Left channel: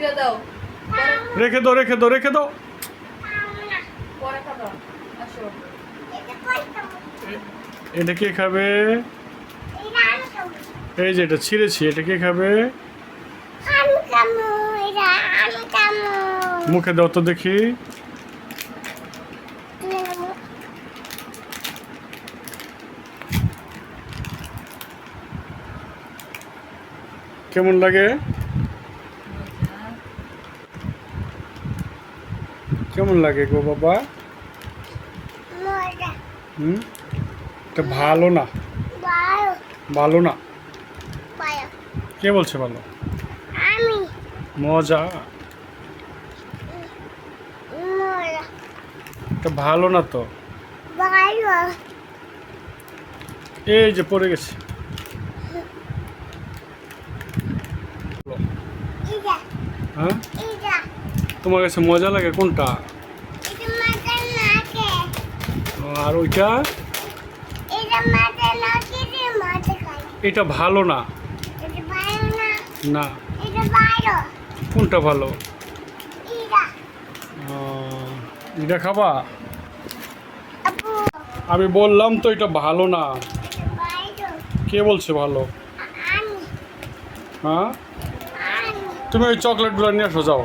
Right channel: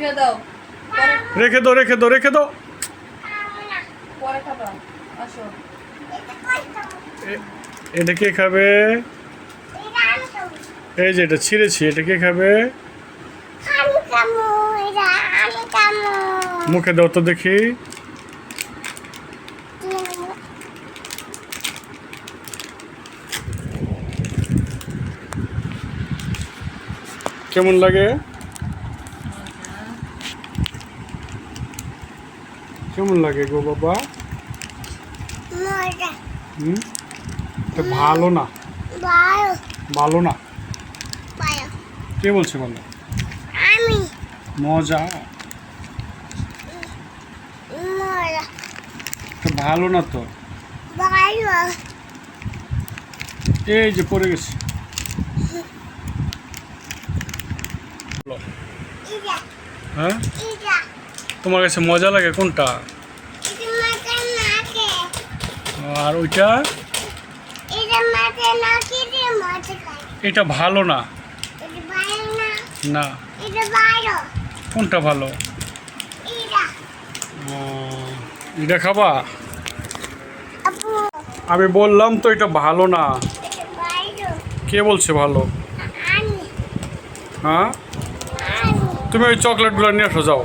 রেখে দাও রেখে দাও রেখে দাও। এটা কে খাবে? এই যে এটা ছিঁড়েছি, এটা কে খাবে? মুখে দাও তো দেখি। কেমন লাগে? কেমন লাগে গো বাবা? এটা ভালো না, ভালো না। কে বলছে ভালো? মজা। এটা ভালো না তো। এই যে পড়ে গেছে। হ্যাঁ, তোমার কাছে মজা লাগে কোনটা? আর ওইটা? এটা ভালো না। না, কোনটা ভালো? এটা খাবা? আমি বললাম তো এটা ভালো না। কে বলছে ভালো? হ্যাঁ, তুমি ওই চকলেটগুলো নিয়ে আসো যাও।